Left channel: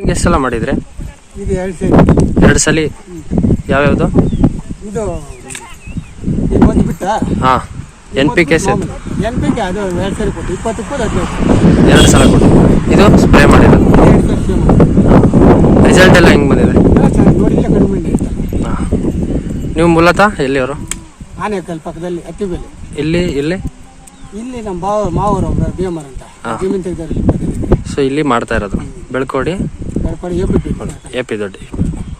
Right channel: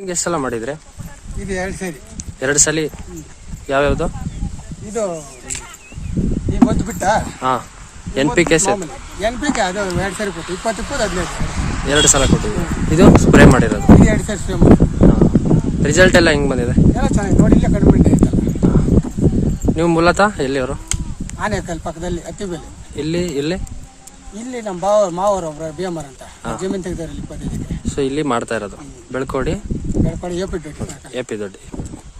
ಈಗ ಎಷ್ಟು ಸಲ ಮಾಡಿದ್ರೆ? ಈಗ 2 ಸಲ. ಯಾವ್ಯಾವುದು? ಇದು ಒಂದು ಬಿಟ್ಟ ಹಾಂ NPK NPK ಅದು 2 ಸರಿ ಕೊಟ್ಟು 20 15. 2 ಸಲ ಕೊಟ್ಟಿದ್ದು. ಇದು ಸ್ಪ್ರೇ ಮಾಡಿರೋದು. 2 ಸರಿ ಸ್ಪ್ರೇ ಮಾಡಿ. ರಿಸಲ್ಟ್ ಎಲ್ಲ ಹೆಂಗೆ ಬಂದಿದೆ? ಚೆನ್ನಾಗಿ ನೋಡಿ, ಇಲ್ಲ ಕಡಿಮೆ ಇದೆ. ಹಾಂ. ನೀವು ಮೂಲತಃ ಎಲ್ಲಿಯವರು? ಆನೇಕಲ್ ಪಕ್ಕದಲ್ಲಿ ಹತ್ತಿಬೇಲಿ. ಇಲ್ಲಿ ನಮ್ಮ ಮಾವರು BMR ಅಂತ ಜಮೀನು ತೆಗೆದಲ್ಲಿ. ಸೊ ಇಲ್ಲಿ ಮಾಡ್ತಾ ಇರೋದು Belkodi AP Doddi.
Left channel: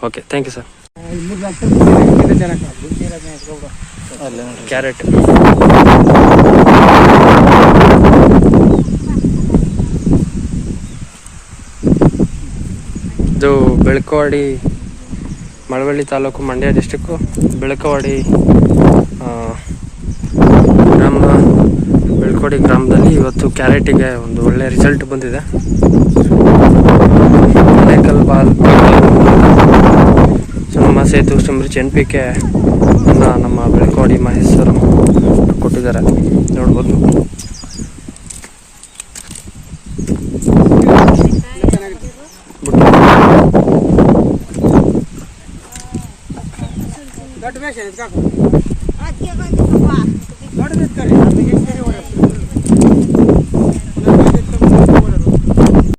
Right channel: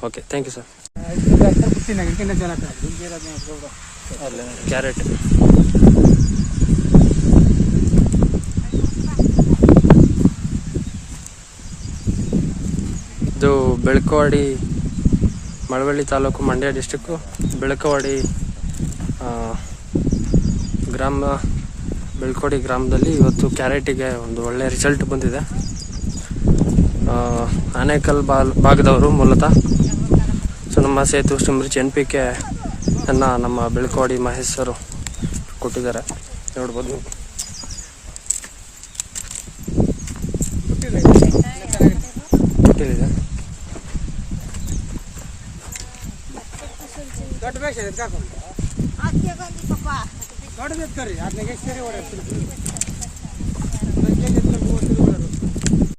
Okay, thank you sir. Carrot ಇದು ಬೆಳ್ಕವಾಡಿ, ಮಳವಳ್ಳಿ ತಾಲೂಕು, ಮಂಡ್ಯ ಡಿಸ್ಟಿಕ್ಕು, ಬೆಳ್ಕವಾಡಿ ಬೆಳ್ಕೋಡಿ ಗ್ರಾಮದಲ್ಲಿ ಇವತ್ತು ಕ್ಯಾರೆಟಿಗೆ ಒಂದು ಒಳ್ಳೆ ರಿಸಲ್ಟ್ ಬಂದಿದೆ. ಆನೇಕಲ್ ಭಾಗದವರು ಸೊ ನಮ್ಮ ಸೇತು ಸಮೃದ್ಧಿ NPK ನಮ್ಮ ಬೆಳ್ಕೋಡಿ ಮಹೇಶ್ವರು ಕೊಟ್ಟಿದ್ದಾರೆ, ನೋಡ್ಬೋದು. ದೊಡ್ಡ